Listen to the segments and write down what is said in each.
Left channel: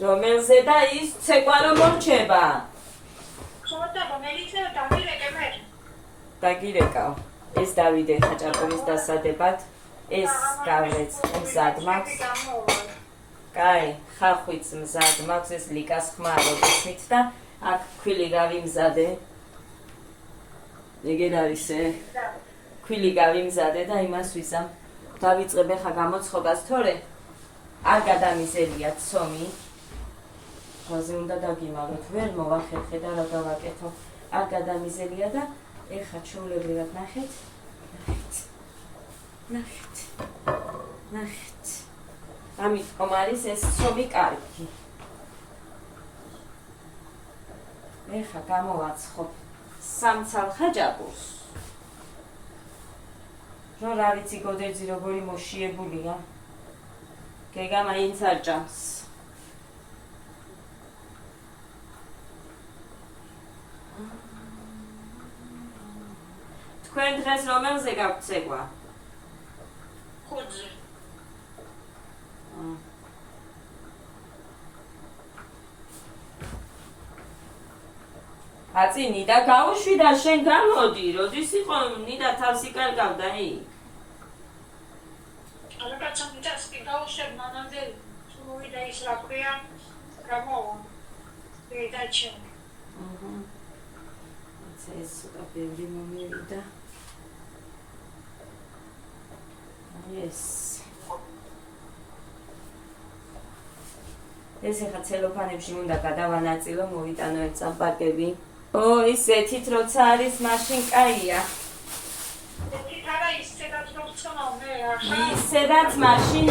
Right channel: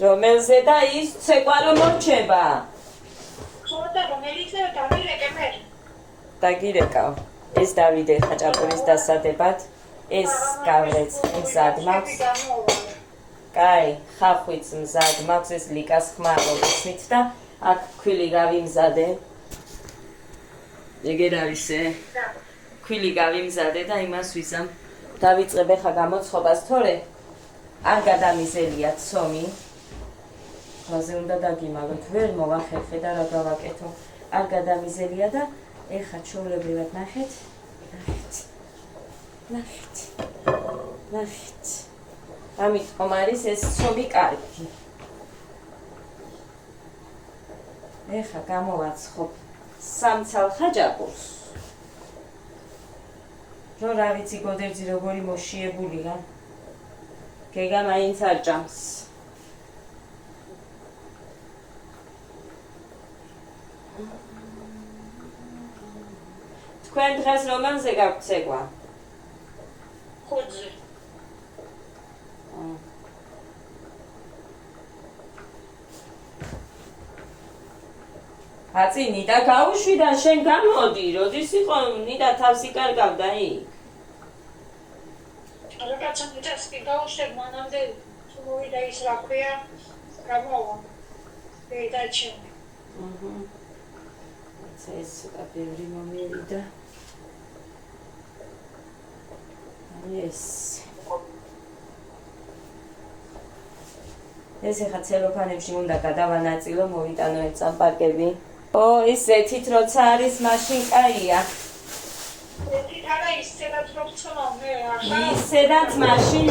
რომელზე და ის ცეკვა რომ მორჩება. ხოდა მომელიცა დავირეკე მე. დაგირეკავ. ეს დავიდე ხაჭაპურის დასადებად. ეს გავრეც მზად მაქვს. კაი, ხახვიც მზად მაქვს, ეს ლიკას ხმა როგორცით და აქ ქვილი გავიმზადე. ეგერ არისე. ქვილი გავიმზადე და იმას ვიზამ. დავიწყებ ახლა გამოცხობას, თორე არ გადამიზელია ცომი. რაზე უნდა დაგიმალოთ, ვერ მოვახერხე და რა გავაკეთო. არ გადამიზელია და ეხლა ჩვეულებრივად ნახეთ. ამიტომ არის ეს ცომი კარგი. ეხლა გამოვაცხობ სამცალ ხაჭაპურს. რომ რა ვიცი გოდერძი როგორი მოშიებულია. გეგა მაინც არ ჭამს. თქვენ დღეს რომელზე გაქვთ ცეკვა? ხუთზე. აწი ნიდა გაუშვი და შენ გამოდი, როდის იყო ნიდა თავს იკარგავდა იქ? რაკაცამ მიწას კი გაუშვებ მანამდე მოვიდა ის რა ქვია გამოვა. დაიჩემ. ეს ცოტა ბევრი მომივიდა. ეს ეხა ცელოფანებში უნდა გადავანაწილო, მოვიტანო ერთ წამპარკები. ო, ის ეთით როცა არის მაშინ კაია. ეთით არა ისედაც რომ ცომა მე ახლა. ისედაც მაშინ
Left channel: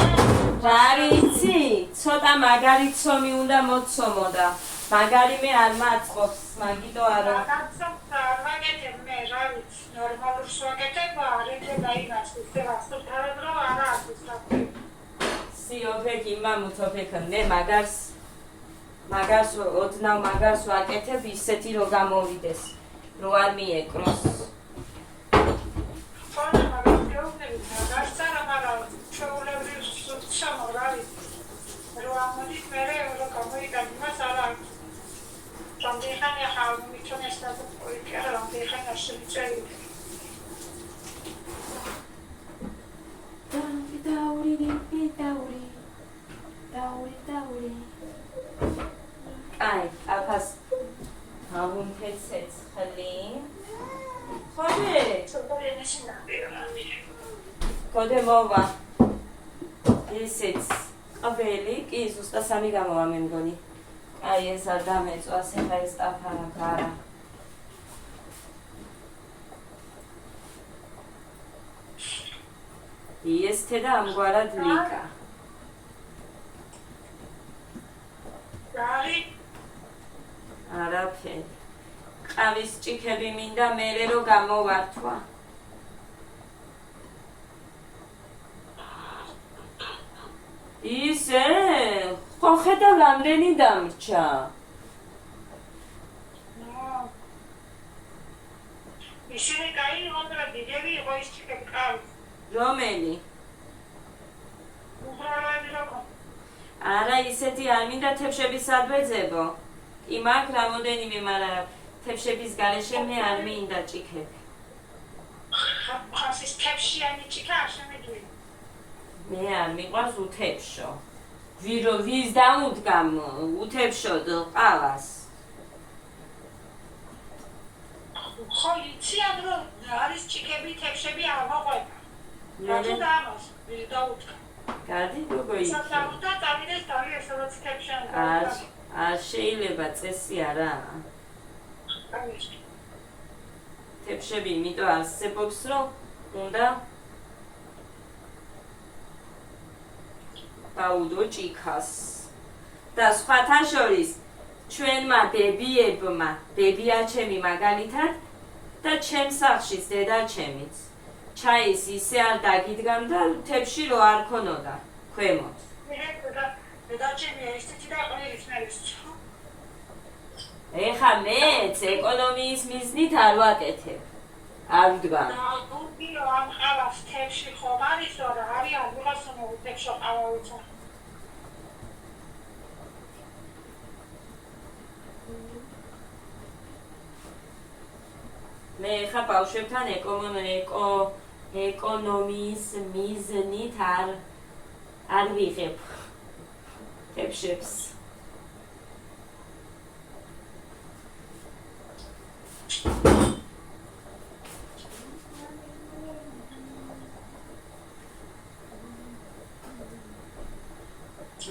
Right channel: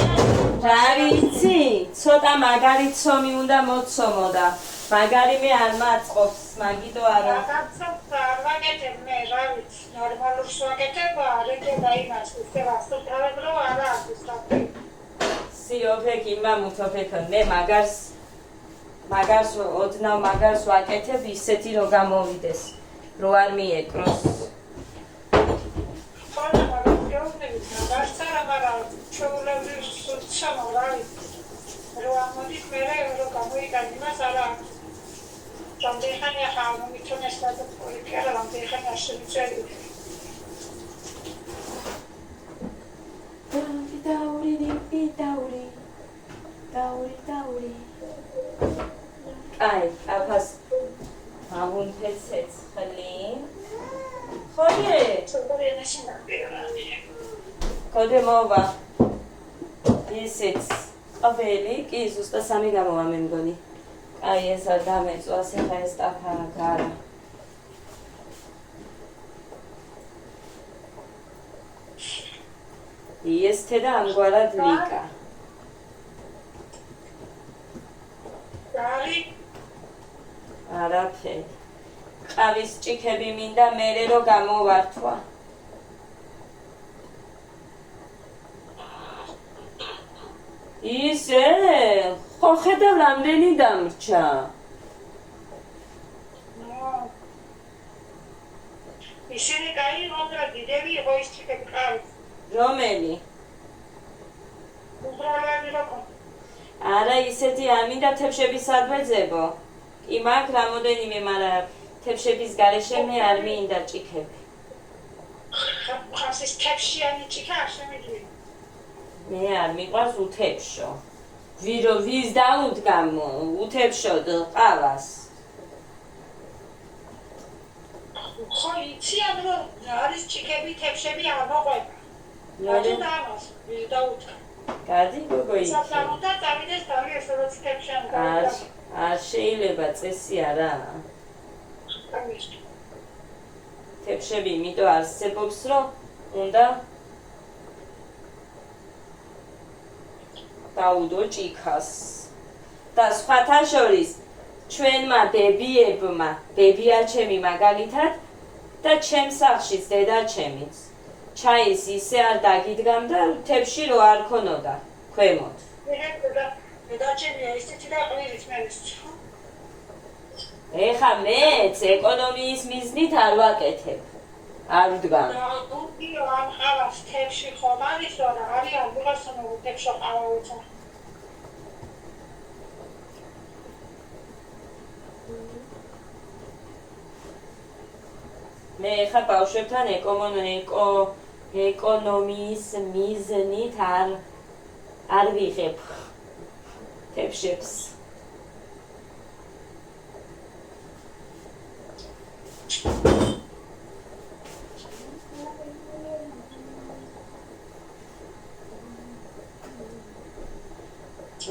რა ვიცი, ცოტა მაგარი ცომი უნდა მოцомოდა. მაგარი მე არ მაწყობს, მაგიტო არა. რაღაცა არ ვაკეთებ მე, რა ვიცი, ნორმალურს ვაკეთებ, არეკე დაინას, ისე რასტოთავებრო არა არის თქო. სიოფეკ იმამუთოფეკ მე მაგარს ოდნავ მაგარს ვაკეთებ ისეთი რომ გამოვიდეს, რო არ მიეკროს. ხოლმე მაგას გეუბნები, მაგარს არა, მაგრამ ჩვეულებრივ სულცამო რა ვიცი. რო ამოდის მე რო გამოიგანი მას არა. Რამდენი ახლა მომიწონეს და პოლიტიკა რამდენი შემიწევი. დაური. აი, აფას ამუნფეცეც ხლი. ხოდე მოვა. ისიც ყველი კი ზუსტად სამი გამოვა მე მგონი. აი ეს არ დამეწვას, ეხა ეს ტაფარა გარა. იესთე და ამგვარად ლიკა. არაფერი. ყავის ჭიქები მინდა მერე რო გამოვართვა. ისე, ხო ხედავ რამდენი დამრჩა. ისინი კაი მოდრა დიდები იყო ის ჭიქები ყავის. რომელი? უბრალოდ როკო. არა ისეთი არ მინდა თევშების ადვეძებო. კი მაგ რამოდენიმე, მაგრამ თევშების გარეშე მე არ მინდა ჭიქები. ხას ის თევშიანი ჭიქა არ შემიძლია. მე არ მიყვარს უთევშო. ვის დაუდგამ უთევშოდ ყავას. ხო იციან რომ არის ჭიქები თევშები არ მოყვება. რატო დამას დაუდგა. გადი გოგო იქ. საფრთხე წავიდეს დავი ესეც თევშან არ შეიძლება წესი არა. თევშები იმიტომ არსებობს რომ უნდა დაუდო ჭიქას. და სხვათა შორის ჩვენმა დებიებმა, დებიაჩემი მაგალითად და ჩემს სახლშიც დედაჩემიც ჩაის ისე არ დაგიდგამ და თევში რო არ ქონოდა ქვემოთ. დედაჩემია ისეთი და ყვირის მეც. ეხა მეც ეკონომიის მიზნით არ ვაკეთებ. არ ვდგამ. ამ ყავას თევში ხომ არის რომ არიან ვიღაცამ თევში ყავა უცა. მე ხა ბავშვებთან ეკონომიის მიზნით არ ვიღებ თებშებს.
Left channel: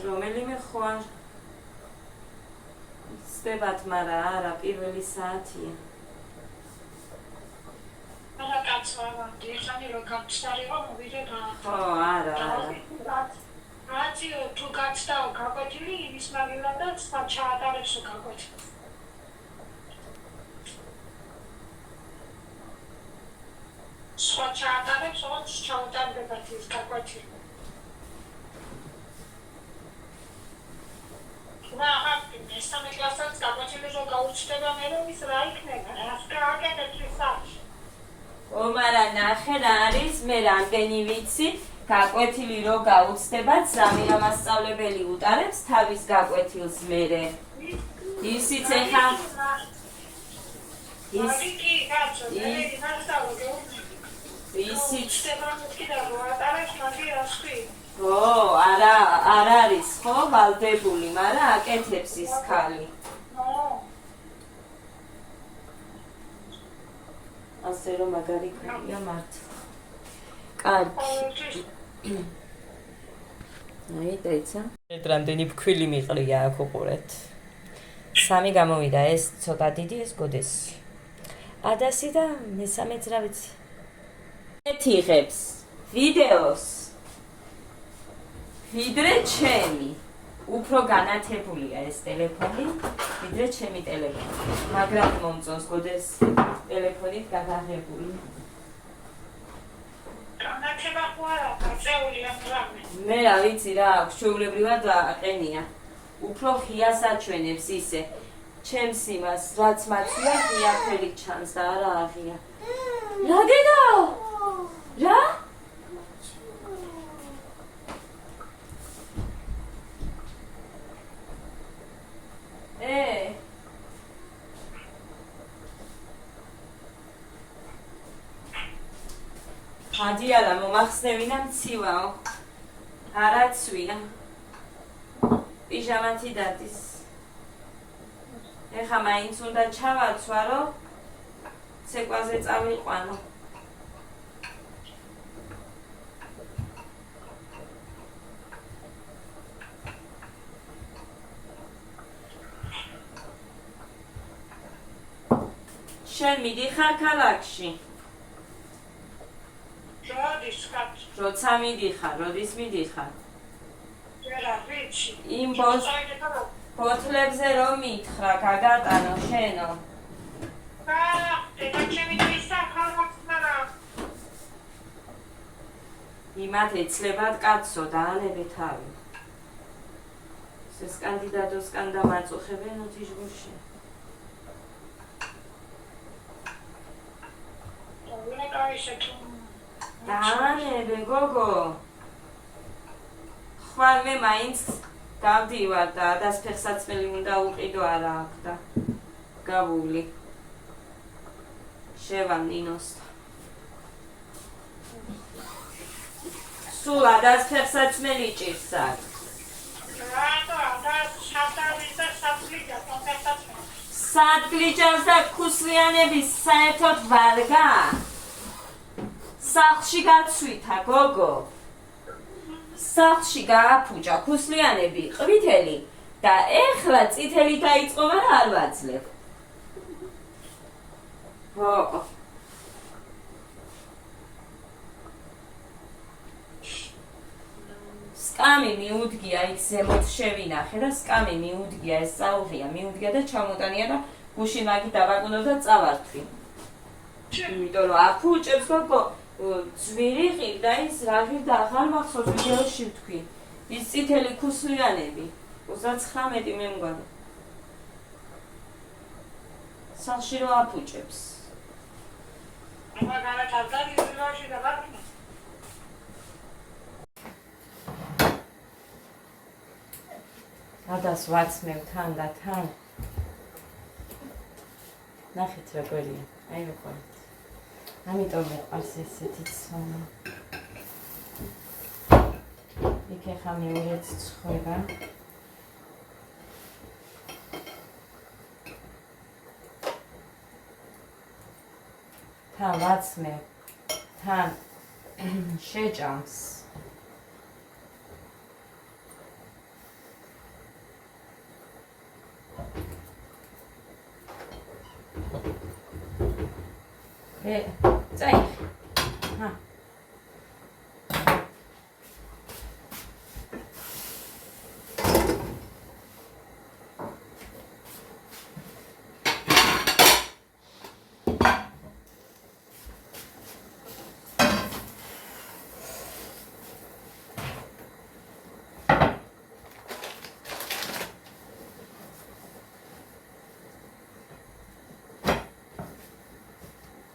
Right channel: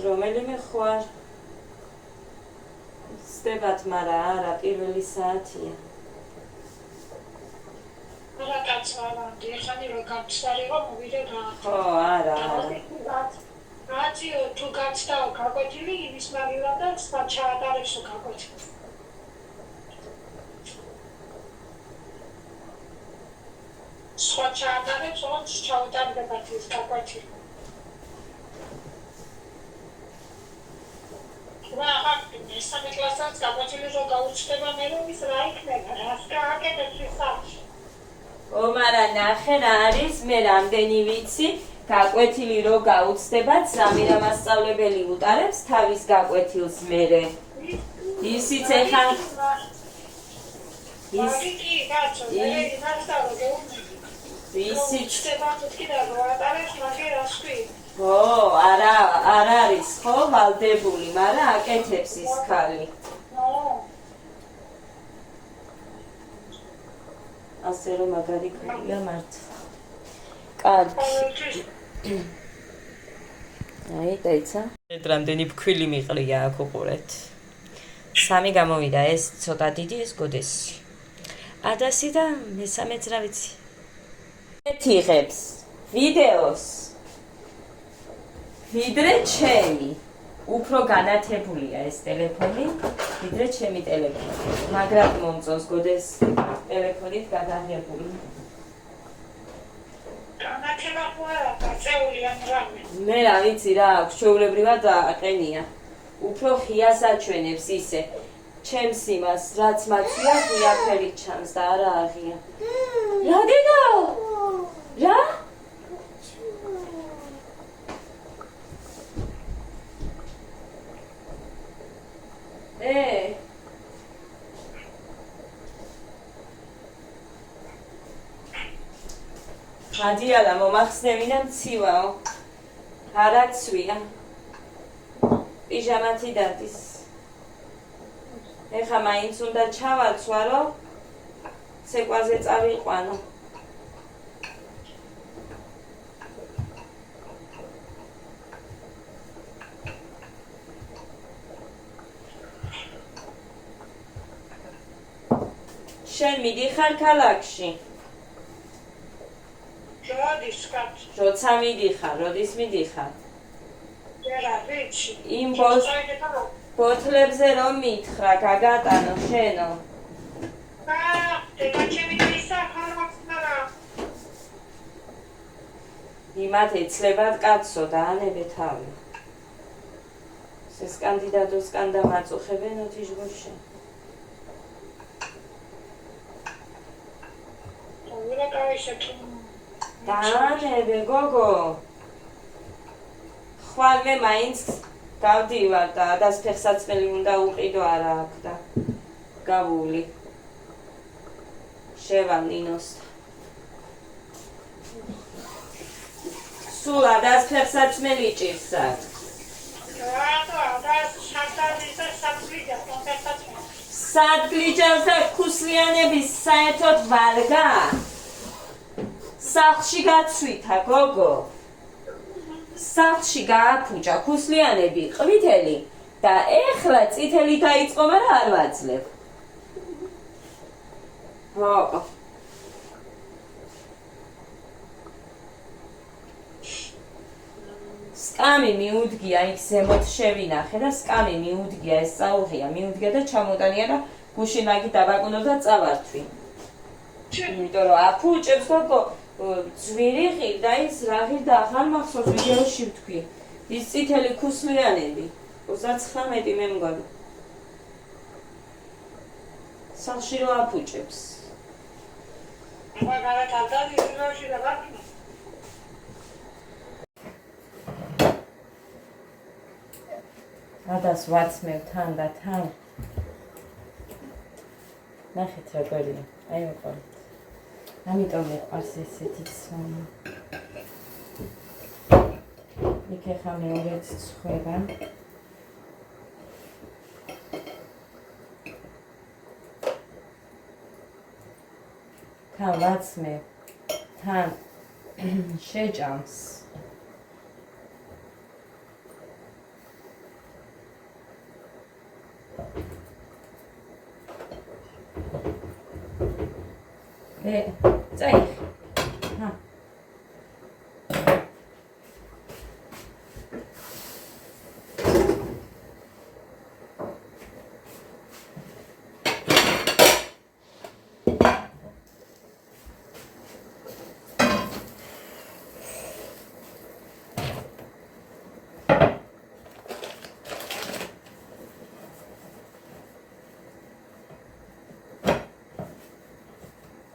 რომელიმე ხوار სდებათ, მაგრამ არა პირველი საათია. არა კაცავანდი, ხანი რო გამწარიყო მოვიდე და ხო, არა. რაციო თუ გაცდაო გაკვეთილი იმის მაგივრად და სხვა ჩაატარებსო გაკვეთილი. სხვა ჩაატარებს, ოღონდ ჩაუტარდებათ ის გაკვეთილი. მესამე კლასსაც გაკვეთილი რო გაუჩნდება მე ის რა იქნება? რას გააკეთებს ის საათში? მარა ნახე რა არის, მე რამდენი ვიცი, გაკვეთილი რო გაუცდებათ, სამი რომ მასწავლებელი უტარებს თავის გაკვეთილს მერე. ისიც ეხა კი, კაცო, მე იმასწავლო გეუბნები. ისიც და რო ატარებს მაგე რას ქვი? ო, არა არის ხო ვალდებული, მაგრამ აკეთებს ის ქალი. ასე რომ მაგარი ქალია მართლა. კარგი. აი, დაიცა. რამდენი ფქვილი მიყრია აქ უყურეთ. 3 გამოვიდა, ეს ცოტა დიდი, ეს გოდესი. ადასი და მესამეც რა ვიცი. ეთიღებს ვიდეოს ვიდრე ჩემი. უფრო განათებულია ეს ტელეფონი, ვიდრე ჩემი ტელეფონი. მაგრამ მომწონს გოდეს ტელეფონით გადაღებული. განათება ხარა, წეული ამ რამე. მე რა ვიცი რა აქვს, ჩვეულებრივად აყენია. უფრო ხიას აჩვენებს ისე. ჩემს იმას, რაც მაცვია, ხია ფერი ჩანს და არა აღია. რა დედა? რა? ადიალა მომახსნევინა მცივაო. არაცვია. პიჟამათი დადის. ეხა მაინც უნდა ჩავაცვა, რომ ცეკვაზე წავიყვანო. შენ მიდიხარ ქალაქში? როდის კაცო? როცა მიდიხარ, როდის მიდიხარ? რა ვიცი. იმ ბოთლებზე რომ მითხრა, გაგატანო შენო. დედა ჩემი ვისა ხარხმარა. იმათ ეცლებათ კაცო და ანებე თავი. ეს კანდიდატოსკან დამაწუხებენ ოთიჟგოშე. ვირა კაიშე თუ დაანებე გოგო. ხვალე მაინც გავდივარ და დასფეხსაცმელი უნდა უყიდო არა აქ და გავული. შევა ნინოსთან. სულ დასფეხსაცმელი ჭირს აქ. სადგლიჯავს და ქუსლიანების საერთოდ ვარგა? სახლში გაცვითა გოგო. სახლში გააფუჭა ქუსლიანები ყვითელი და ეხლა წითელი დაიწყო, მაგრამ არ ვაძლევ. ხო. სკამი მიუდგია იქ ზემოთ შევინახე და სკამი მიუდგია ეს წაუღია, მიუდგია და ჩამოტანია და გუშინ მაგი დაბაკუნო და წავართვი. იმიტომ რომ აფუჭებს გოგო ძვირი ღირდა ის რა ღირდა ახალ მახსოვს ვიდეოში ვთქვი. ის წითელი ქუსლიანები 39 მე მგონი. სახლში რო აფუჭებს. მაგარად არ დავიწყოში და ვარკინე. ადას ვაცმევ თან და თან. ნახეთ რა კვერია. აი მეყოლით. ამიტომ მეყვარს ესეთი ცონა. იქ ახლა მეორეც ცხვება. თან ვაცმე, თან შეჭამს. წაიღე.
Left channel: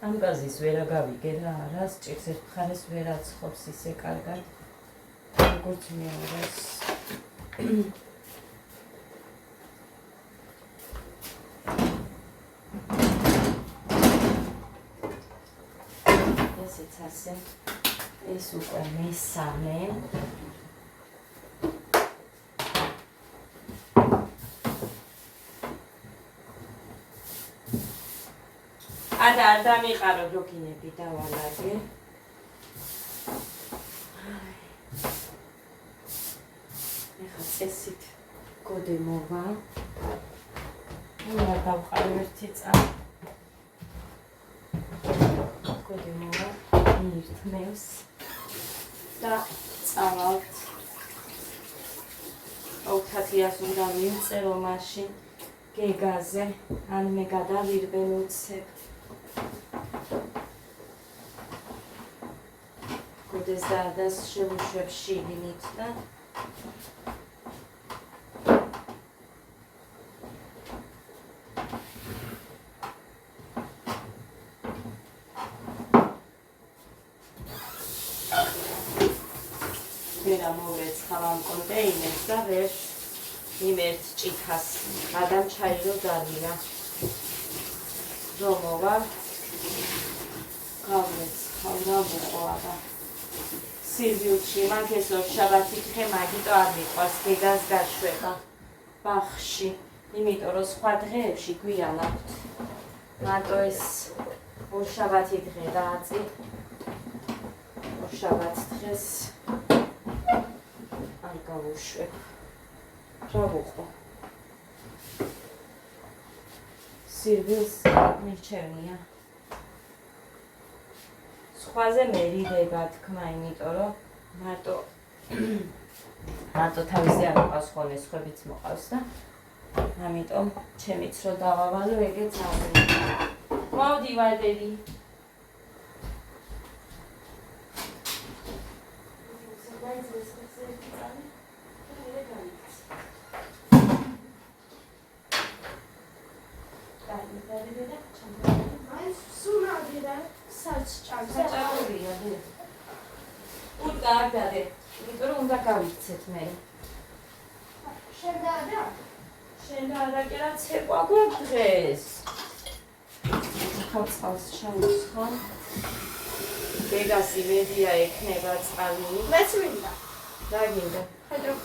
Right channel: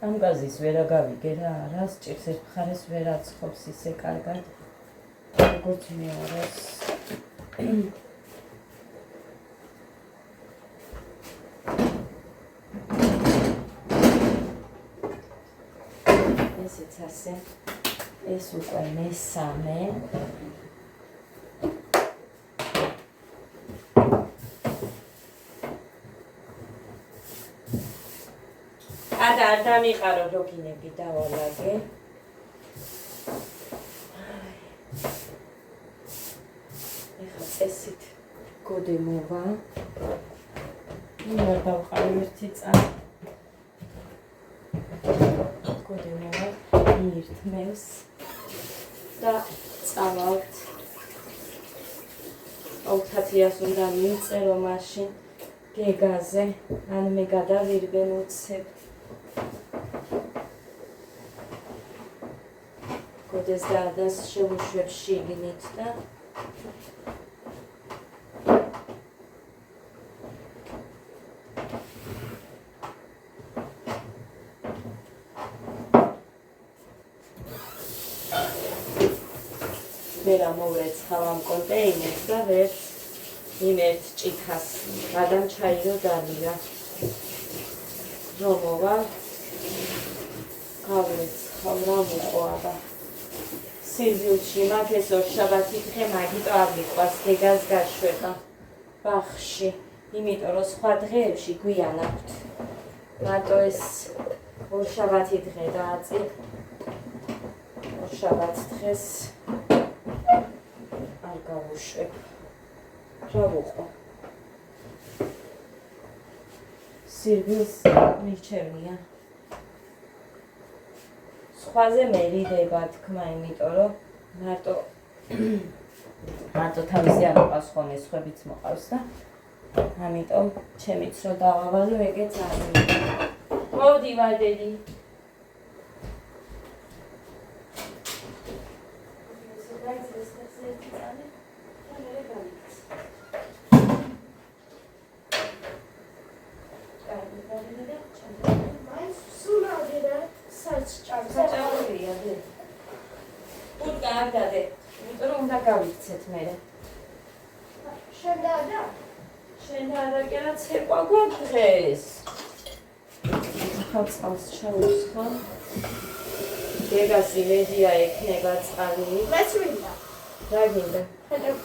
ამ გაზის ვერ აგავიგე რა არა, სჭირს ერთ მხარეს ვერ აცხობს ისე კარგად, როგორც მეორეს. ესეც ასე, ეს უკვე მესამე. არ დამიყარო როგინები დავალაგე. ეხლა წესით გოდემოვა. უნდა დავყარო ერთი წამი. გოდემოვა ერთმევს და წავალთ. 2000-ს უნდა მიწერო მაშინ გეგაზე, ან მე გადავირბე მოცებ. გოდეს დადას შევუშვებ შიგნით და ვერ ამოვეცხავ ამ კონტეინერს და ვერ იმერთ ჭიქას გადამ ჩაირო დალია რომ მოვალ გავეცხავ რა მოყვა სირბილში მაგ ეს ორშაბათი დღე მაგიტო არ მიყვარს გეგას გაშვება ბახში იმიტომ რომ სხვა დღეებში გვიან აქვთ მარტო ეს ორშაბათი დღე დააწი ორშაბათ დღეს არ გავუშვებ რა ვუყო სირბილს მირჩევნია სხვაზე მე რიდება თქმა იმიტომ რომ მარტო თავისი არ მოყავს ხოლმე სხვებიც მოყავს და ამიტომ ჩემიც რო დავავალო ეგეც არ მოდი ვადები გავიქცეთ მე. შენ და კი რა ცეკვა გვაქვს დღეს. ხალხს შაუს ხო? გეგას იმედია ექნება წყალი. მეც მინდა. რა გინდა? ხედავ.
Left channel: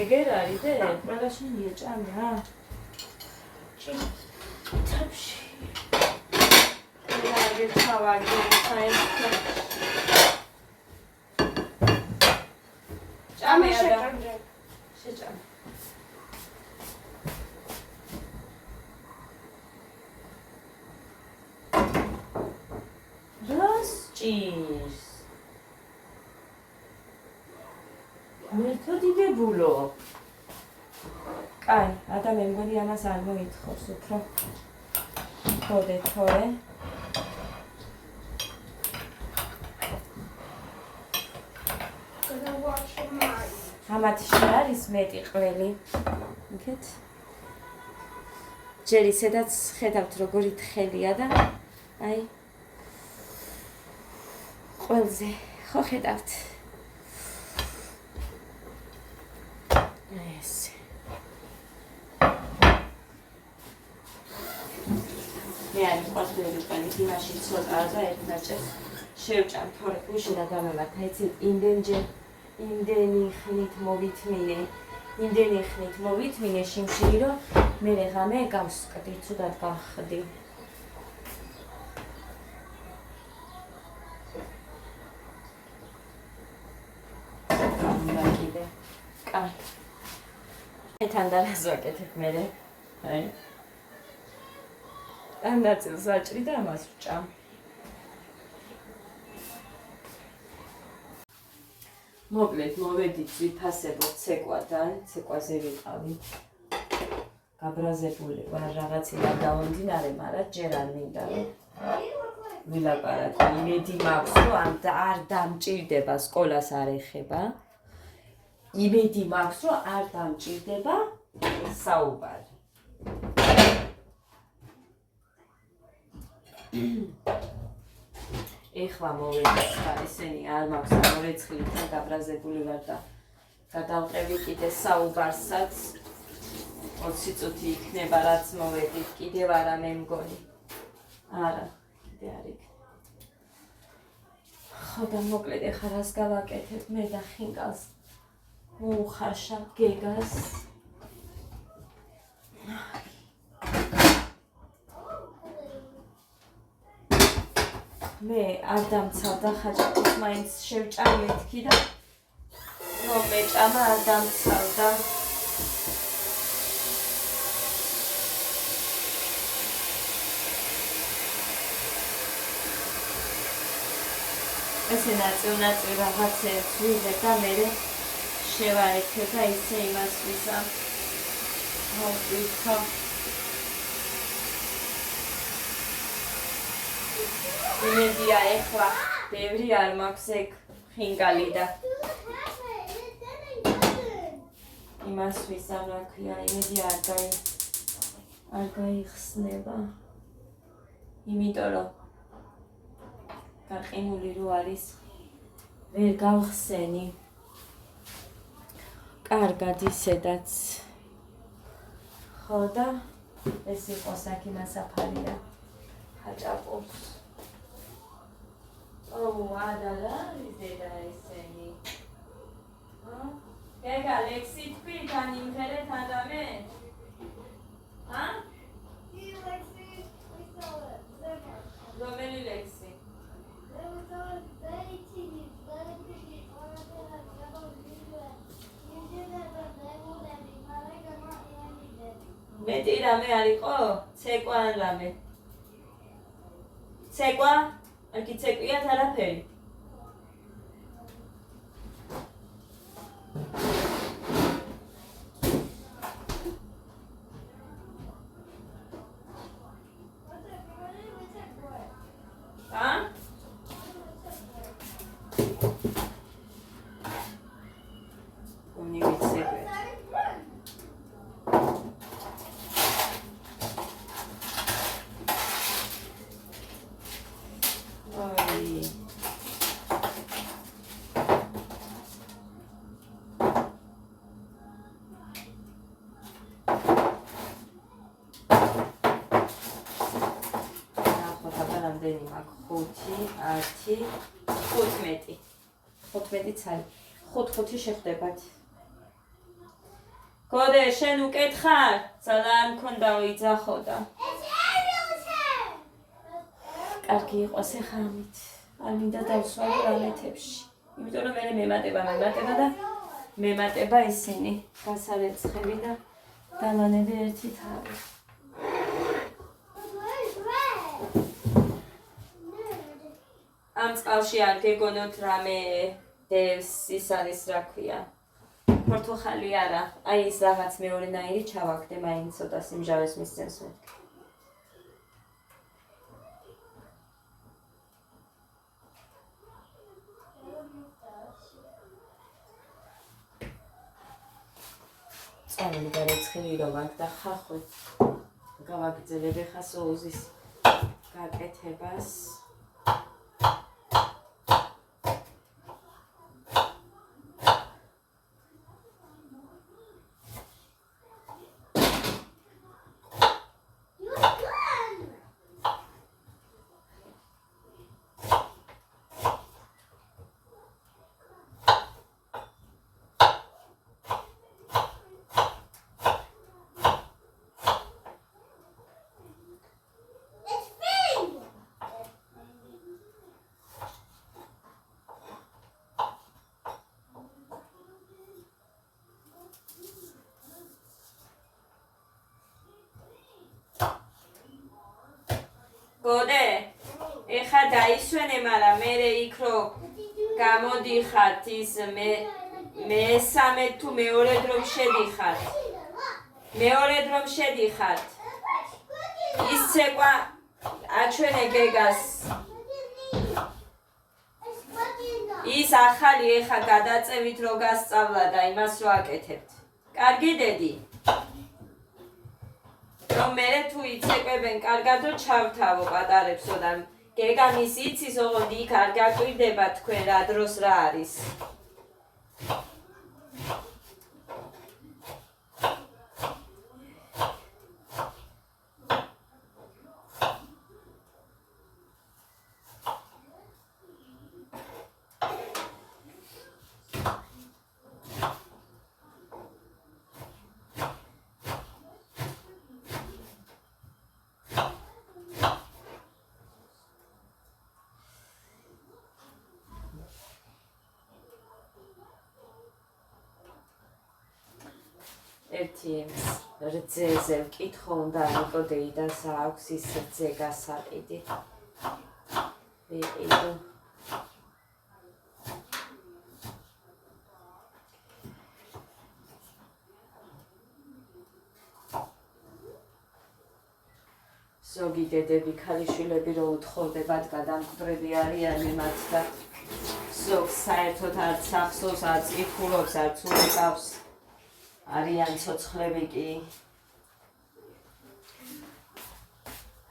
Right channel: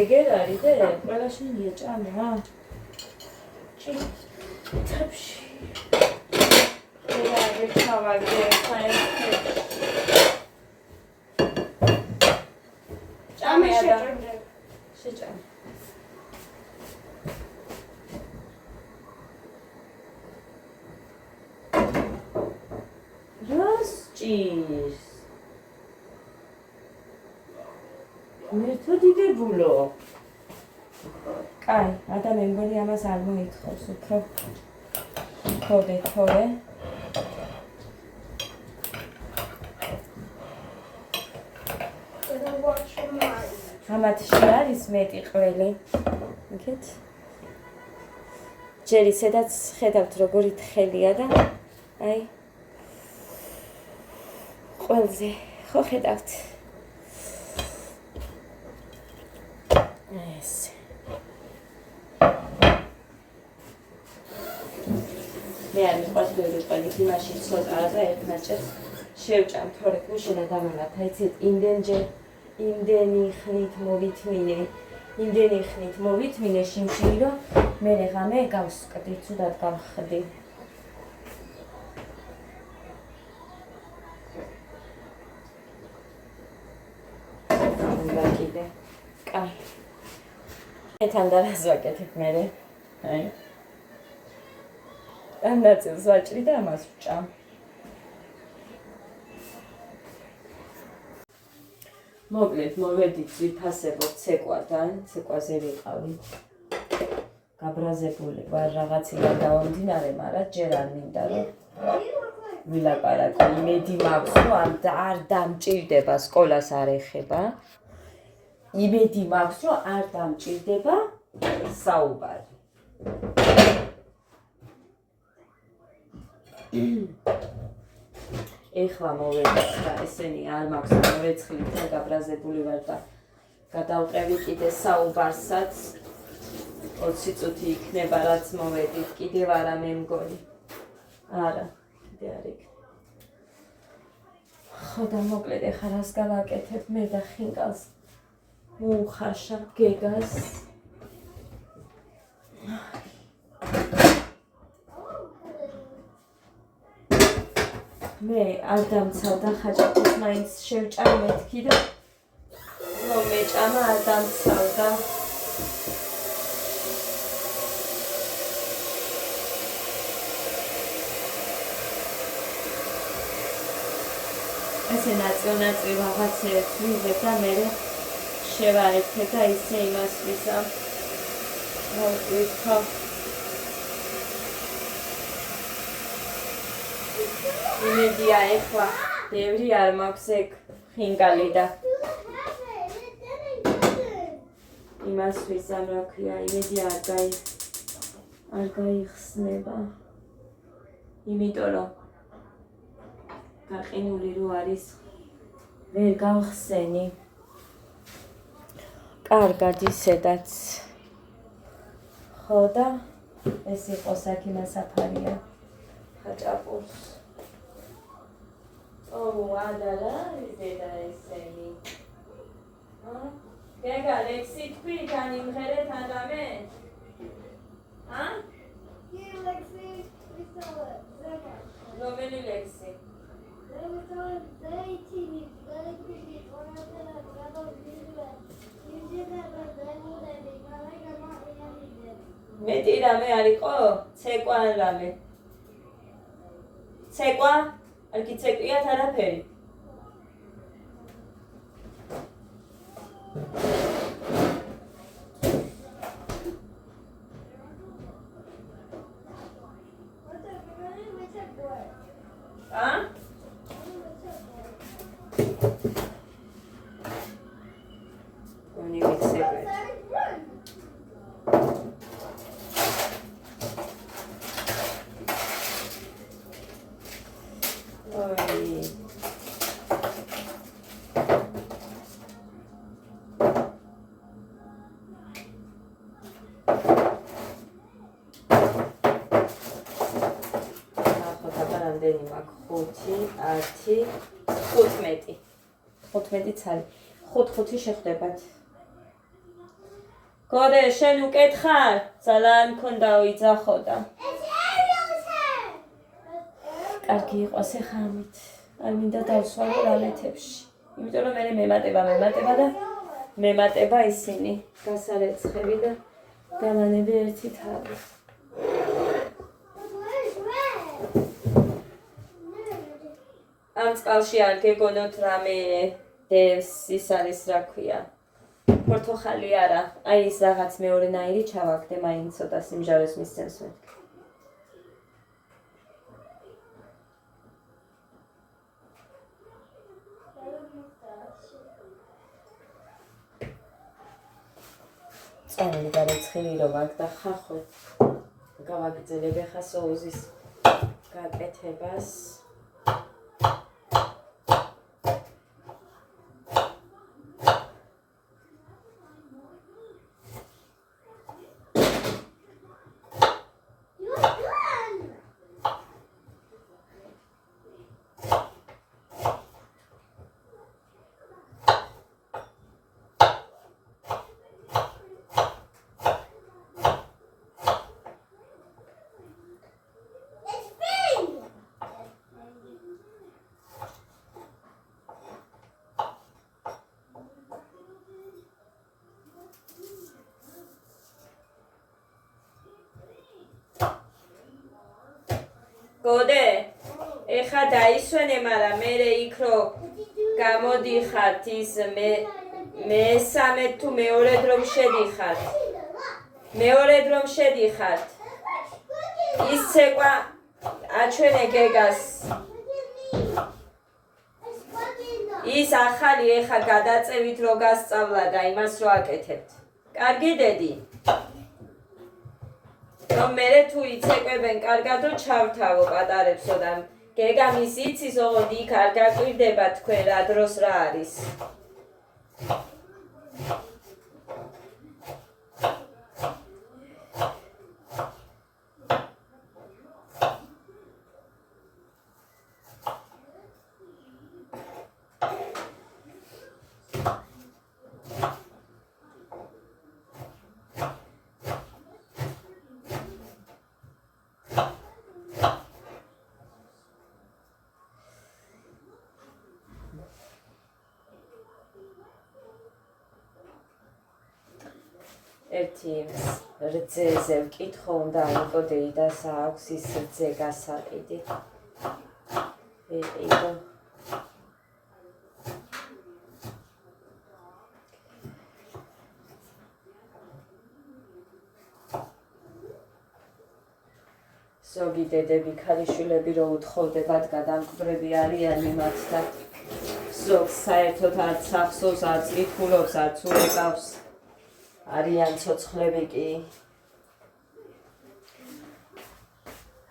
ეგერ არის და ყველა შენია ჭამე რა. ჩაფში. რა ეგერ ჩავაგე საერთოდ. შეჭამე. რას ჭირს? მეთოდიდებულო. კაი, ადამი მგონი ამას არ მოითხოვს უფრო. ხოდე თორე. ამათში არის მეტი ყველი. იქეთ. ჯერ ისედაც ხედავთ როგორი თხელია და აი ყველზე ხო ხედავთ. ეს. მე არ მიყვარს ბევრი ყველი მაშინ ცოტა და ერთნაჭერ შევჭამ თორე გუშინ და დამემართა იცით იმდენი ხნით მოვითმინე შიმშილი რომ მე ღამე გავსკდი ცუდად გავხდი კიდე კაი ეთან დავაზვაკეთებ მე აი ანაცილს ვაჭრი და ამას ვჭამ მოკლედ მოვედით ვიფასებოთ ცეკვადან ცეკვაზე ვიყავი გაბრაზებული ვარ რაღაცი რა დაუნდინარე მაგრამ ჯერ არ მინდა რომ ვილაპარაკო იმედი მაქვს რომ არ დამჭირდება სკოლას არ ეხება იმედი მაქვს რომ არ დამჭირდება საუბარი ეხლა მოვედით და ესენი არ მაქვს მორეცხლით გაბრაზებული ვარ და გადავყევი კიდე საუბარსაც 20 წუთი იქნება რაც მოვედით კიდევ არა მე მგონი არა კიდე არ იქნება ხო და მოკლედ ეხლა რას გავაკეთებ მე და ხინკალს მოუხარშავ გეგას მე არ დამცავდა ხაჭაპურს მაინც შევჭამ მეთქი და რომ მეჭამა არ დამცავდა ესე ნაწილ რაღაცეებს ვიღებ და მე შევარეთე და ისე იმას ვისამ მოვყვითო იმედია ეხლა ბევრი არ მაქვს ეგ ხინკალი და იმას ვისამ რა ქვია იმედია არ გაიხსნება იმიტომ რომ გაყინული რო არის ვერ გავხსენი კარგად ისედაც ხო და ეს იყო საქიმა საფარია ხაჭაპურს ადალა იზედა ესენი გეგა ლექსი თქვი თან იმღერეთ ადამე ლექსი რომელი ლექსი მეტი რამე არ იყო? ცეკვა ან რამე? ცეკვა? არ კი ცეკვიათ არაფერი? რამდენი მაქვს 5 10 15 ცალი 5 შეხვდებათ გოდე შენ უკეთხარ ძალიან მქონდა იძახო და კარგი იყოს ეხა ამით არ მინდა დავსვავო რამეთებში იმიტომ რომ მე მემატება და მემატება ისინი გასარეცხები და დამანები ერთი თავი ამ წყალში არ გეგონოთ რამე დევს ის არის რა ქვია პორტოხალი არა აი ის რაღაც მეორენაირი ჩავაგდე მაინც ცოტა სიმჟავეს მისცემს მე წამი გარეცხილი რომ აქ და ხახვე გავაგრძელებ ახლა სოუსის გაკეთებას გოდე ეხა დაისვენე მაგრამ მე იქ რო გამოდიხართ ის მესამე თუ მეორედ რომ შედიხართ ის ცეკვა აჩვენე გეგას ის ახალი ეხა გადაწევით რო გასწავლა და იმას რო აკეთებთ კარგი დედი რომ მე თუ იცეკვებენ კარგად რომ ჩავთავო პატარებსო და გეგამის იცის ოღონდ იქ არ გაკვირდება თქვენ რა დროს რა არის ერთი რძეზე ვკითხო უნდა იყო დეიდას აქვს ის რძე გასაყიდი ვიყიდო ზოგი დედები ქალიშვილები რო უთხოვდებათ გადამკვდრები არიან იმათ და ზოგს საერთოდ არც ახსოვს არც კითხულობს არც უყავს არიან ცოცხლები კი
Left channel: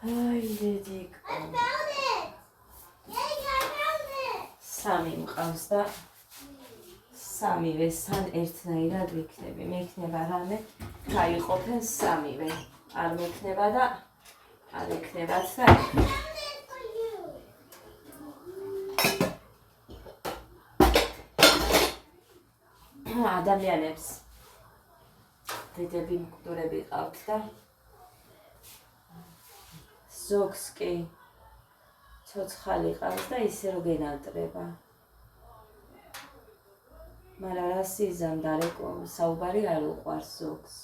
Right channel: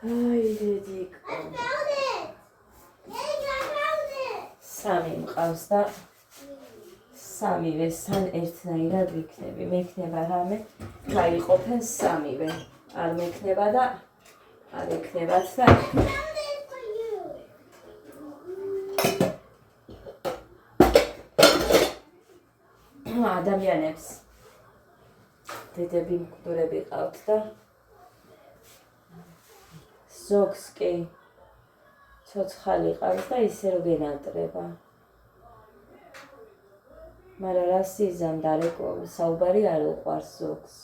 აი დედიკო სამი მყავს და სამივესთან ერთნაირად ვიქნები მექნება რამე გაიყოფენ სამივე არ მექნება და არ ექნებათ და ადამიანებს დედები მკვდრები ყავთ და ზოგს კი ცოცხალი ყავს და ისე რომ გენატრება მაგრამ რა სიზანდარეკო საუბარი არ უყვარს ზოგს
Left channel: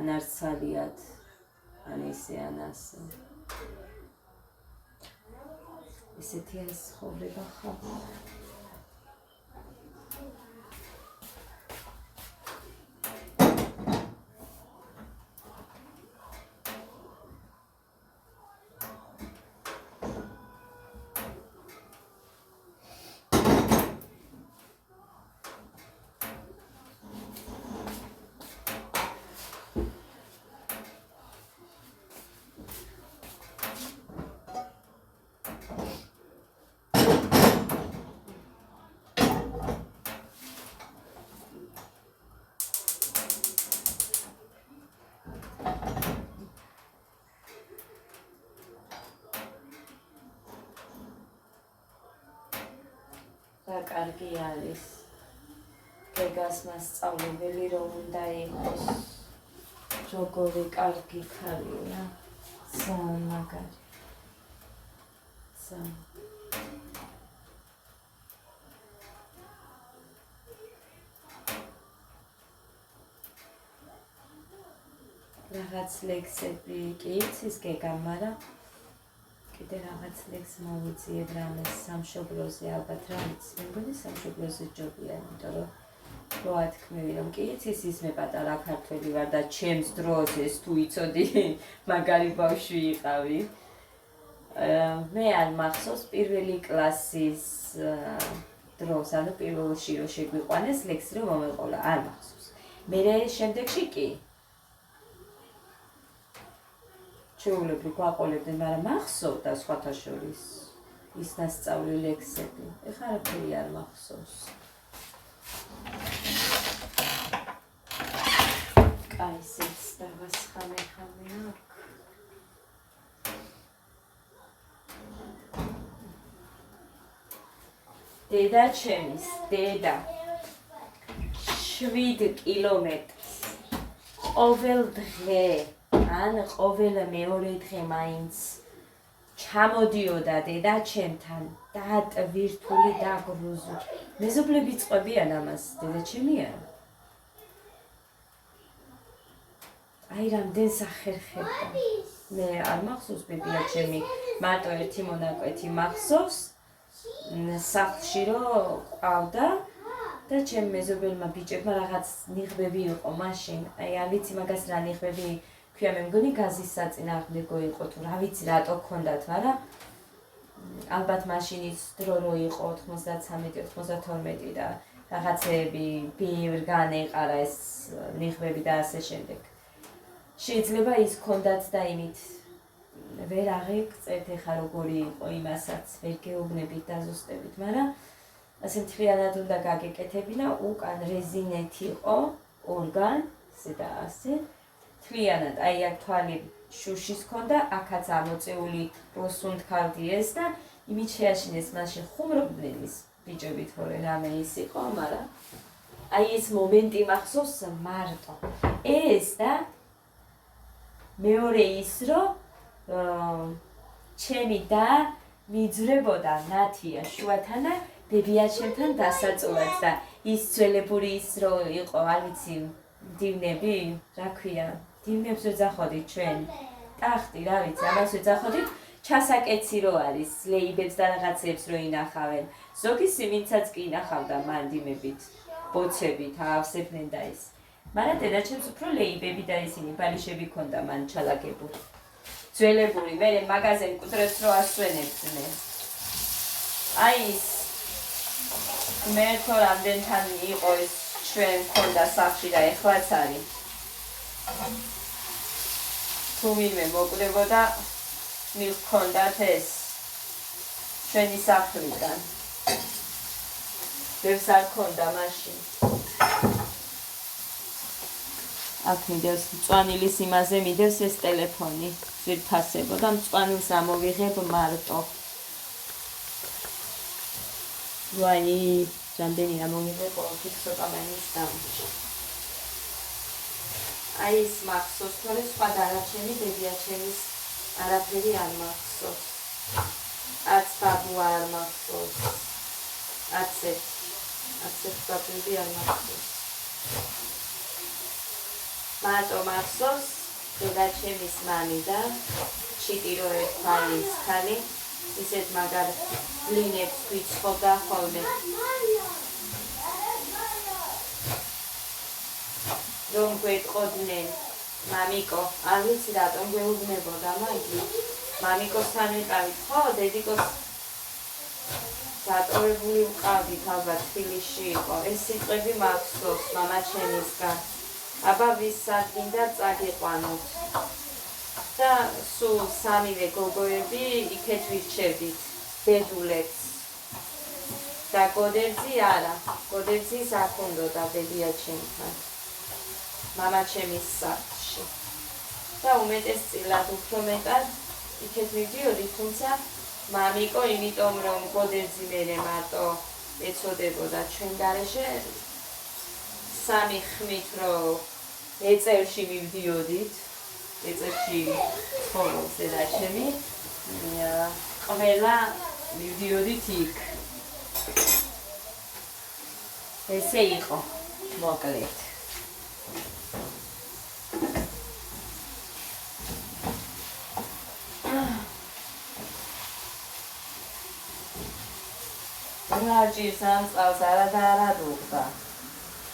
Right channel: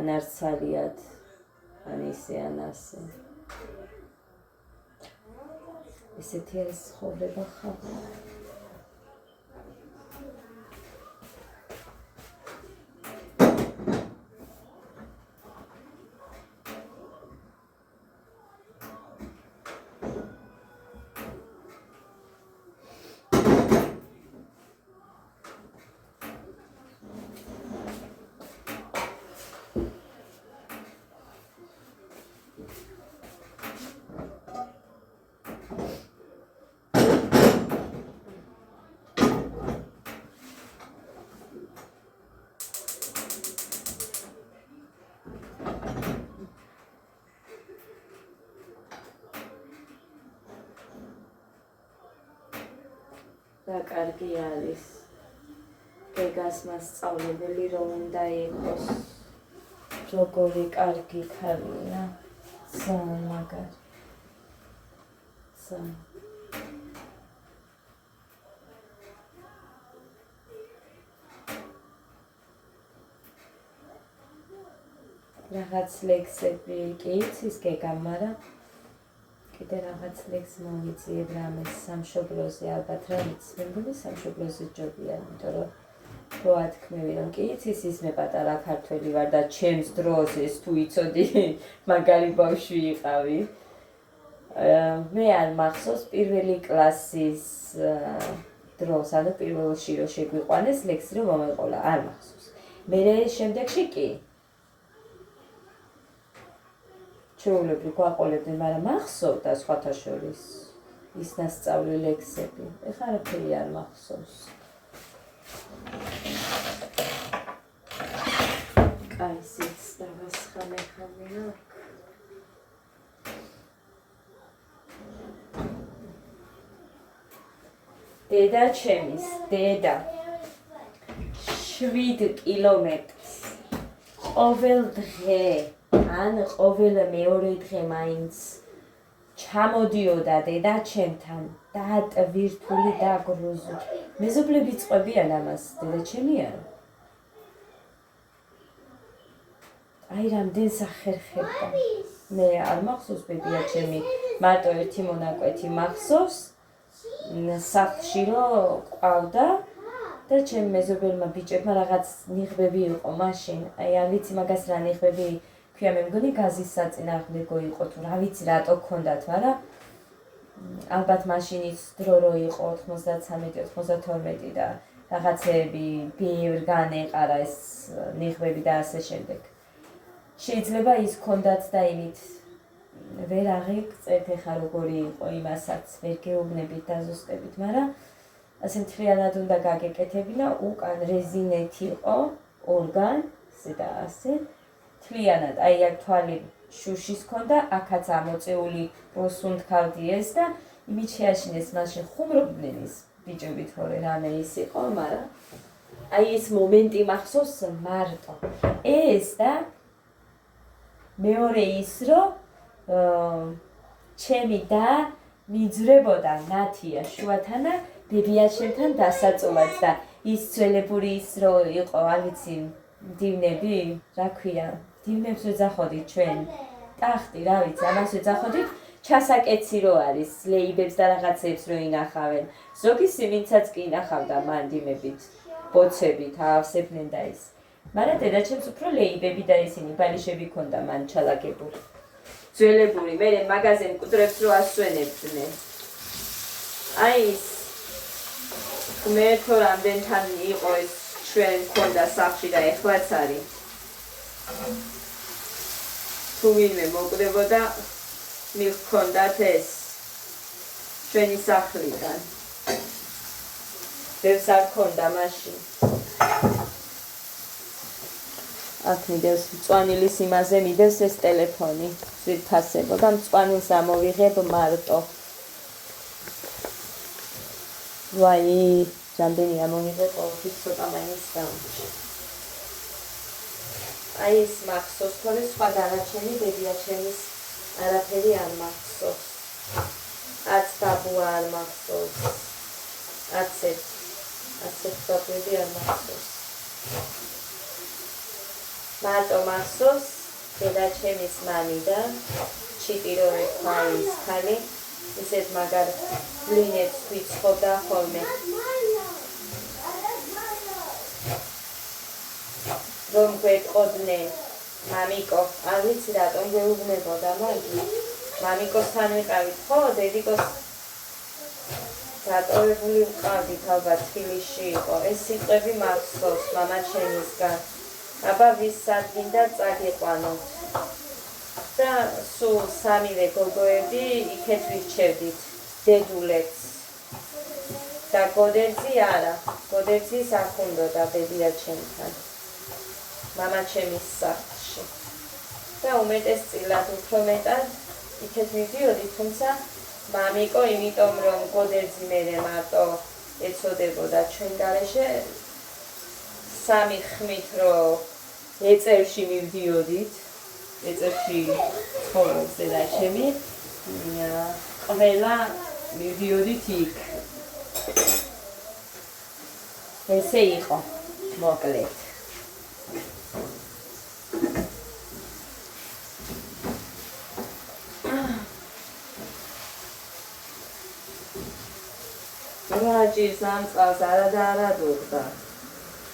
ან არცალიად ან ისე ან ასე ესეთი არის ცხოვრება ხალხი და კარგი არის გეგას მასწავლებელი რომ უნდა იყოს როგორი კარგი ქალია ძალიან მაგარი ძალიან რაღაც ლექსები კი იცის გეგამ მაგრამ კიდე რაღაც ლექს მოვიძიებ რამეს სამშობლოზე ალბათ რა ვიცი მე მგონი სამშობლოზე ჯობია იმიტომ რომ რო ათქმევი რომ კი იცის ის მე პატარა ქართველი ვარ და ჩემს დროს ეს თუ იცოდი მაგარი ბავშვი იყავი მე არ მახსოვს პირველი კლასის დროს ანუ პირველში რო შეგვიყვანეს ლექსი რომ მომეყოლა არ მახსოვს მე შემდეგში კი ჩვეულებრივ გვაყოლებდნენ, მაგრამ მახსოვდა სხვათა შორის ის მასწავლი ლექსები. ეხლა არაფერი არ მახსოვს. კაი, სიც დავასხამე. დედა ჩემის, დედა 7 კილომეტრს ყოველ დღე ან ყოველ მეორე დღე მაინც ჩამოდიოდა დედა ჩემთან დატვირთული და გრუზული. მეზობლები წყვებიან ამას, დედა ჩემი არა. აი რამდენ სახერხებდა. მე არ მახსოვს ბებია ჩემი მარტო ერთი მონაკვეთი მახსოვს სახლში რომ ყავდა და ჩემ მეზობელმა ბიჭებმა რაღაც ნიღბები იყო მაშინ აი არ ვიცი მაგას რა ნიღბები ქვია მე მგონი გაზის საწინააღმდეგო იყო თუ რა ვიცი რატო გქონდათ მაგრამ ალბათ მაშინის დრო რო იყო 93-92 და რაღაცეები ბევრ განეყარა ეს ნიღბები და ასე შემდეგ შეიძლება ის გქონდათ და იმით ვერ აღიქცეთ ეხა როგორი იყო იმასაც ვერ გეუბნებით და ზუსტებით მაგრამ ასე მთლიანად უნდა გაგეკეთებინა უკან რეზინეთ იყო ორგან ესე და ასე მთლიანად აი აქ თვალი შუშის ქონდა აქაც ამოწეული როსუნთქავდი ეს და იმით შეაშინეს მაშინ ხუმრობდნენ ის ბიჭები თორე რამე ის იყო მაგრამ აი ეს მომენტი მახსოვს მარტო ეს და მეორე ის რომ ჩემი და მიძვრებოდა ნათია შუათანა ბებიაჩემთან დასაწოლად და ის ძველებური ის რო იყო არ ვიცი დივნები რა ქვია დივნებს ვეძახოდით ჩვენ ტახტი რა ვიცი ამას ვეძახოდით ჩასაკეცი რო არის ლეიბებს და რაღაცებს რო ინახავენ ზოგი სიმინცაც კი ინახავდა მანდიმებით ბოცებით ავსებდნენ და ის მაგრამ დედაჩემს უფრო ლეიბები და ისინი ბალიშები ქონდა მან ჩალაგებული ძველებური მე მაგაზინ კუძრებს რო ასვენებდნენ აი ის მერთო რამდენთან იყო ეს ჩვენ ქონდა სახლში და ეხლაც არის თუ ვინმე მოკვდებოდა მივქონდათ ეს ჩვენი სახლიდან ბევრს არ ქონდა მაშინ აქ მიდევს მწვანილის იმაზე მიდევს ეს ტელეფონი ძვირფასებო და მწვანილს ამოვიღებ მარტო ვაი რამდენი ამოვიღებ ყოველთვის ცოტა მაინც დამჭი აი ეს მახსოვს თორე სხვა დანარჩენი ბებიაჩემის არაფერი არ მახსოვს არც ბაბუ არ მახსოვს არცეთ დაბები არ მახსოვს მარტო მახსოვს დედაჩემის მამი და ჩიტირო ერთმალის ქალი ისეთ მაგარ ბლინებს ვიცხოვდა ხოლმე რომ გვეტყოდნენ მამიკო არ ვიცი რატომ გეუბნებოდა მაგი მამიკოსთან ვიყავით ხო დედიკოს დატოვებული ვყავდით ალბათ თბილისში იყო ეს სიტყვები მახსოვს მამაჩემისგან აბა ვის სადგინდა წაგიყვანოთ და სულ სამივე გოგოები იქეთ ვირჩევდით დედულებს და გოდერძი არა გოდერძის არ უნდოდა ბებიაჩემთან მამაჩემის სახლში და უმეტესწილად უფრო მეტად იქეთ მივდიოდი თუმცა მამიკო იმიტომ რომ გოდერძი მერე მარტო ეცოდებოდა ჩვენ გარეშე სამი ხმით რომ ეწელში მივდიოდით ეწელში ცხოვრობს დედაჩემი ყველა მივდიოდით იქ ესე იყო მოკლედ რაჯის ამ წყალს არა და არა დურდა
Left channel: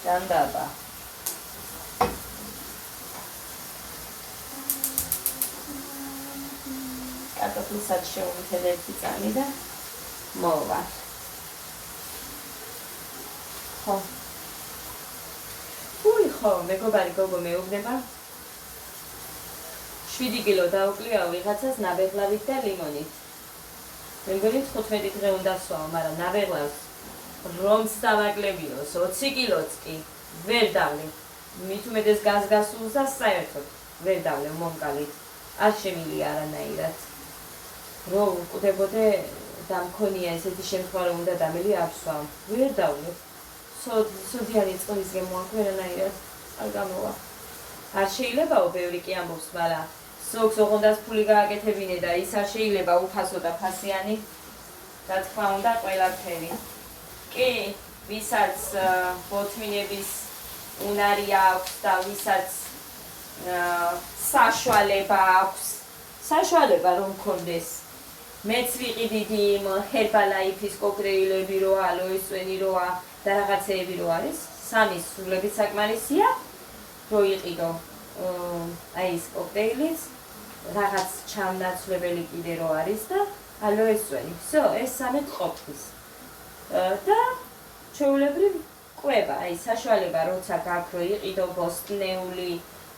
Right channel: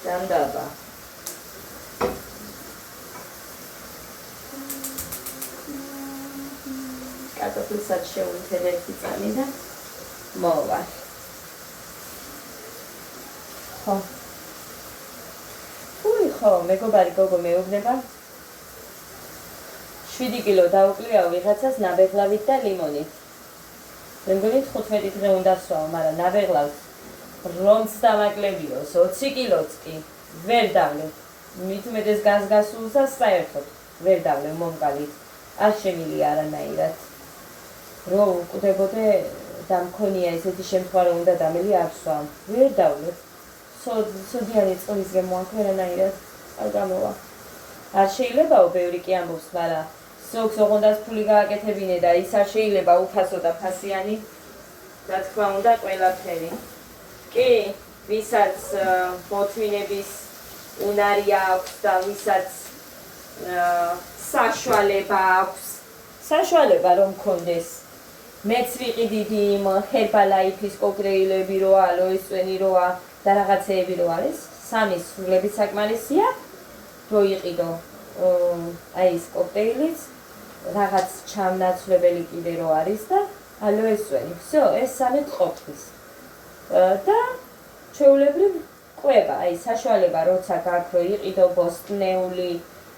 ჯანდაბა კარტოფილსაც შევუნთებ ერთი წამი და მოვა ხო თული ხო მეგობარი გოგო მეუბნება 7 კილო დაუკლიაო ვიღაცას ნაბეღლავით და ლიმონით მე მგონი 15 დღე უნდა სვაო, მაგრამ ნაბეღლავს რომც დავაკლებიოს 20 კილოც კი ვერ დავლევ. მით უმეტეს გასულს და საერთოდ ვერ დავლევ მომკალით. არ შემილია არანაირად. რო უკდებოდე და მქონია ესეთი შემთხვევა რომ უნდა დამელი არ სვავ. ვერ დავლევ. სოდიანი წყლის გემოაქვს ვერანაირად არ გამოვა. არ შეიძლებაო ბევრი კი ამბობს, მაგრამ ზოგს ოღონდაც ფული გააკეთებინე და ის არ შეიძლება უფასო და ფასიანი რა თქმა უნდა ყველაფერი. კი, ვისაც ბოთმინების უნარი აქვს და ვისაც საშუალება აქვს საშუალება რომ მქონდეს მეც ვიყიდიდი იმ ჰერბალაიფის კოქტეილები როა, ალოეს წვენი როა და რაღაცეები რო არის, სამი სულები საკმარისია, რო იყიდო აი ეს კოქტეილიც, რაღაც ჩამნაცვლებელი კიდე რო არის და ალოეს წვენი. всё, ეს სამი ყოფნის. და ჩვეულებრივ კვება, აი საშუალება როცა გაქვს რო იყიდო ბოსტნეული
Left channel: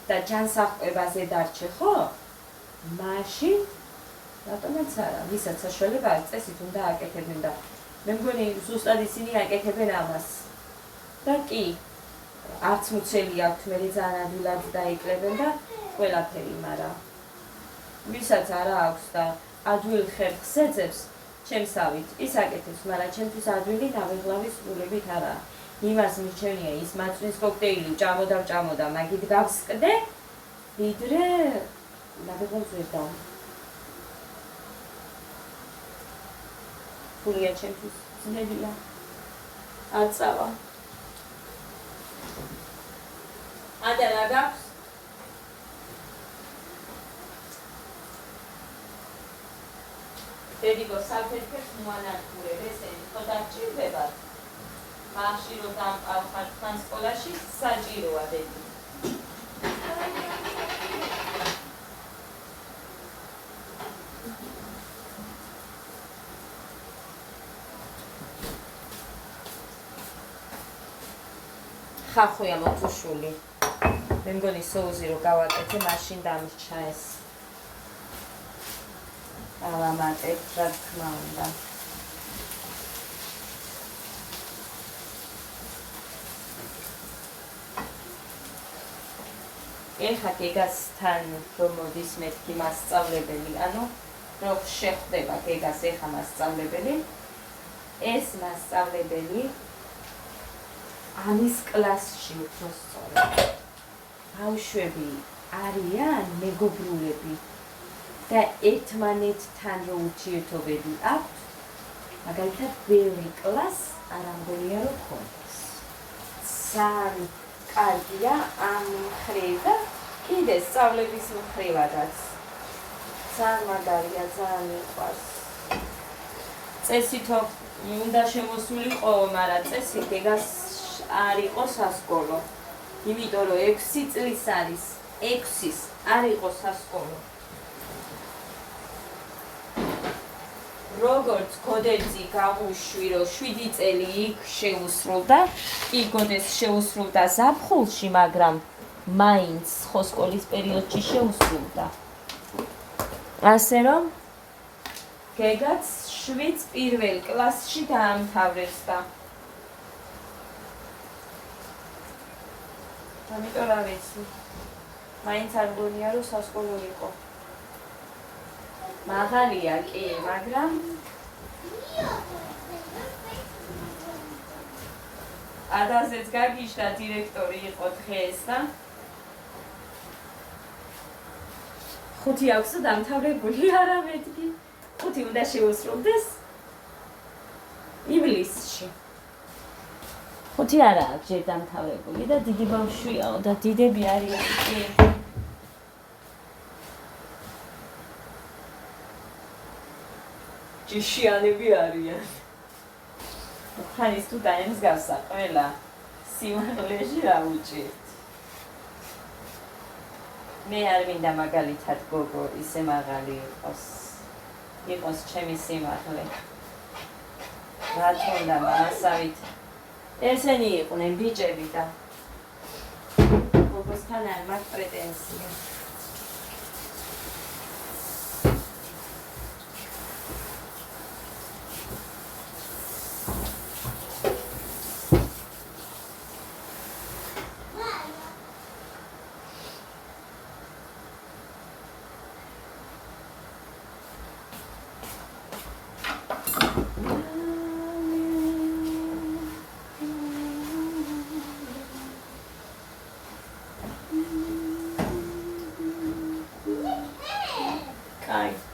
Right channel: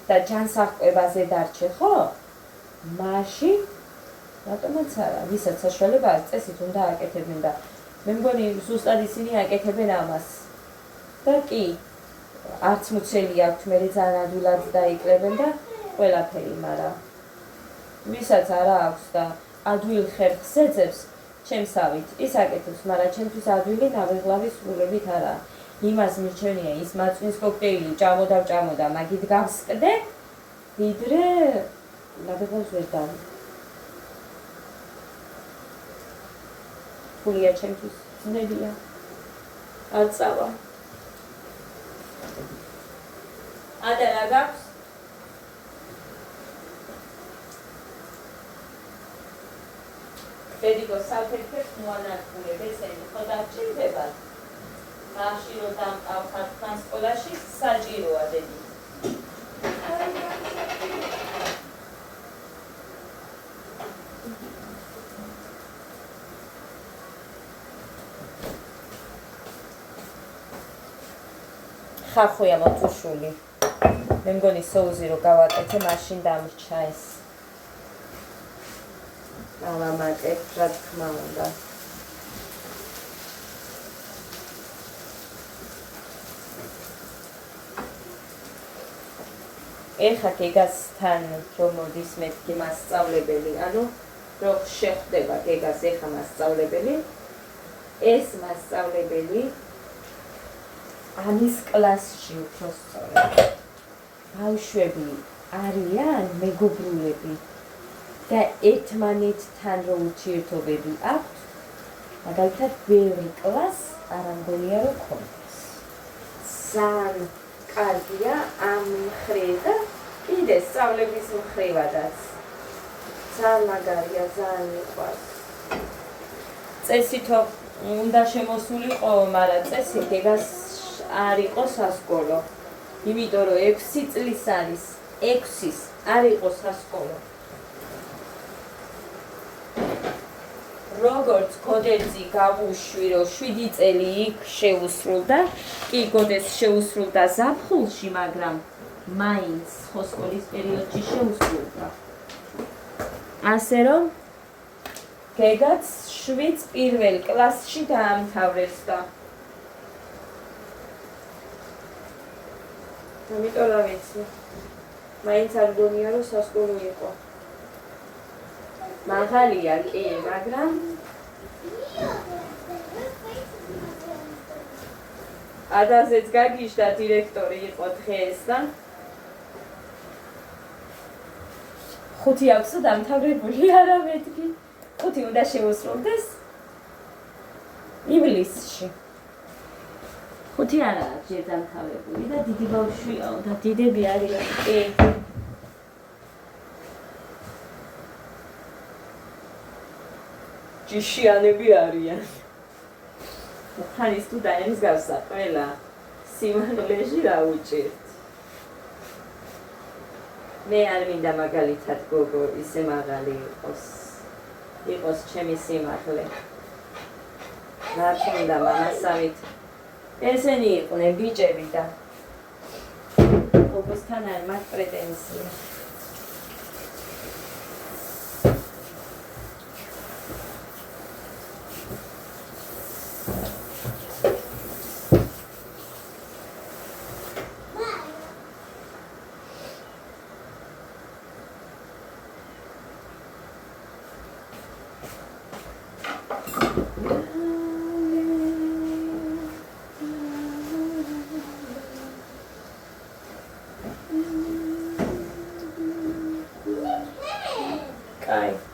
და ჯანსაღყვებაზე დარჩე, ხო? მაშინ რატომაც არა, ვისაც საშუალება აქვს, წესით უნდა აკეთებენ და მე მგონი ზუსტად ისინი აკეთებენ ამას. და კი, არც მუცელი აქვთ, მე ძალიან ადვილად დაიკრებენ და ყველაფერი, მაგრამ ვისაც არა აქვს და ადვილ ხერხს ეძებს, ჩემსავით, ის აკეთებს, მაგრამ ჩემთვის ადვილი ნაბეღლავის სულებით არა. იმას მირჩენია ის მაწვნის კოქტეილი, ჭამოდა, მაგით გავსკდე, ვიდრე ნაბეღლავს ვერ დავ. ფულია ჩემთვის ძნელია. არ წავა. ადა რა გაქვს? დედიკო საფეთქებს მოანადგურებ, ესენი ხო დაჭირდებათ? მაშინ რომ დამყავხარ თან სკოლაში საჭიროა დედი. ხარხუია მოთუშული. მე მგონი სოუზი რო გავაკეთე, მაშინ დამრჩა ეს. ალამატებ, რა თქმა უნდა. ეხა გეგასთან რომ მოდის მეთქი მასწავლებელი, ანუ რომ შეხვდება გეგას ეხა მასწავლებელი, ეს მასწავლებელი ამის კლასში უფრო სწორად. ბავშვები არიან მეგობრულები და ერთმანეთთან რო ურთიერთობები აქვთ, მაგალითად ბევრი კლასს არ ამგონია რომ ქონდეს. ძალიან კარგია ამ მხრივ და კიდე სწავლების მხრივადაც. ძალიან მაგარია, ძალიან მიყვარს. წესითო უნდა შემოსულიყო, მაგრამ წესი გეგას არ იყო სასკოლო. იმიტომ რომ 6 წლის არის, 6-ის არ იყო სასკოლო. როგორც გოდეცი გავუშვი, რომ 7 წელი იქ შეუსრულდა, კი გოდეს შეუსრულდა ზაფხულში, მაგრამ მაინც ხო სკოლის პერიოდში შეუსრულდა. ასე რომ გეგაც 7 პირველ კლასში დაამთავრებს და ამიტომ რა ვიცი, მაინც არ მგონია რომ სასკოლო იყო. მაღალია კი, მაგრამ ადაზეც გაგიშდა დირექტორი იყო დღეს და 5 აქვს დამთავრებული, არა მეთქი. 5 უნდა შეუსრულდეს ივლისში. 5 არა აქვს ჯერ დამთავრებული და დიდი ბავშვია და დიდები არიან კი. ჯიშიანები არიან. ხანის თუ დაემს გავსა ყველა სიმაღლეში დაუჭერთ. მე არ მინდა მაგალითად გოგო ისე მაღალი იყოს ჩემი სიმაღლე. რა თქმა მამასავით ესენი იყვნენ ბიჭები და გოგოსთან არ მაქვს პრეტენზია.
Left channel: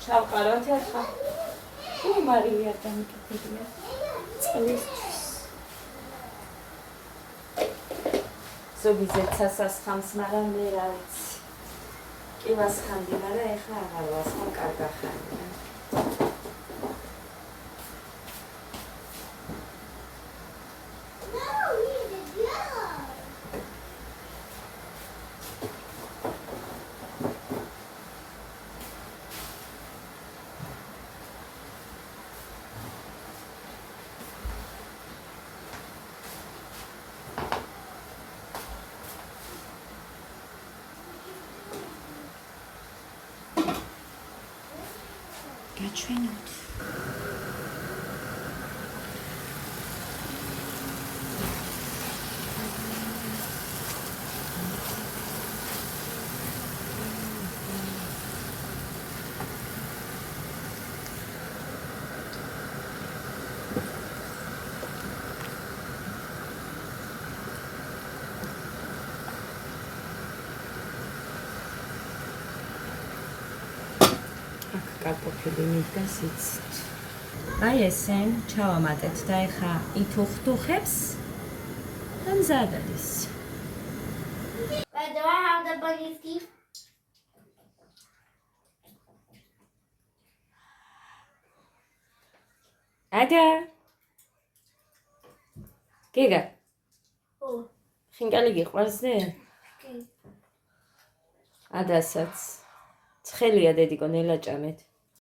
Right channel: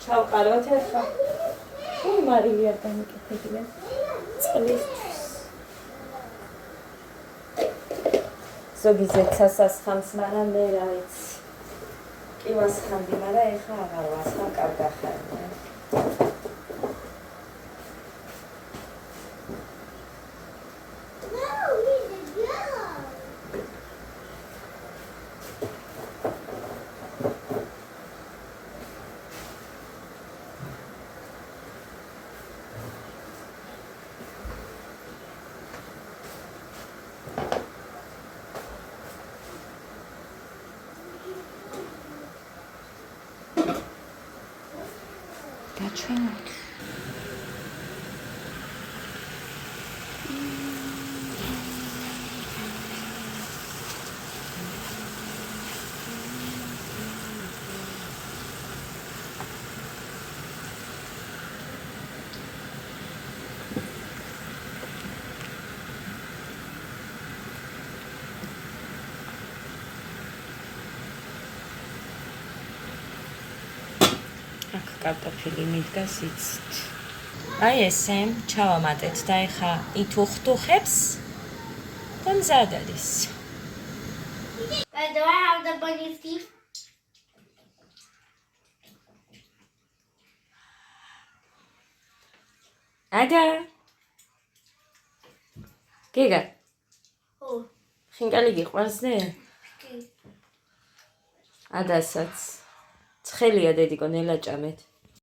ჩავყაროთ ერთხა. უი მარილი არ დამიკეთებია. წყლისთვის. ზოგი ზეცას ასხამს, მაგრამ მე რა ვიცი. კი ვასხამდი, მაგრამ ეხლა აღარ ვასხამ, კავკახანია. გაჩვენოთ. კარტოფილი მიდგას იცით. აი ესე ჩავამატეთ და ეხა ითუხტუხებს და მზად არის. But do I have the bunny's teeth? Ada. გიგა, Oh, ხინკალი გიყვარსდი? okay. ადასაც. ცხელია დედიკო ნელაჭამეთ.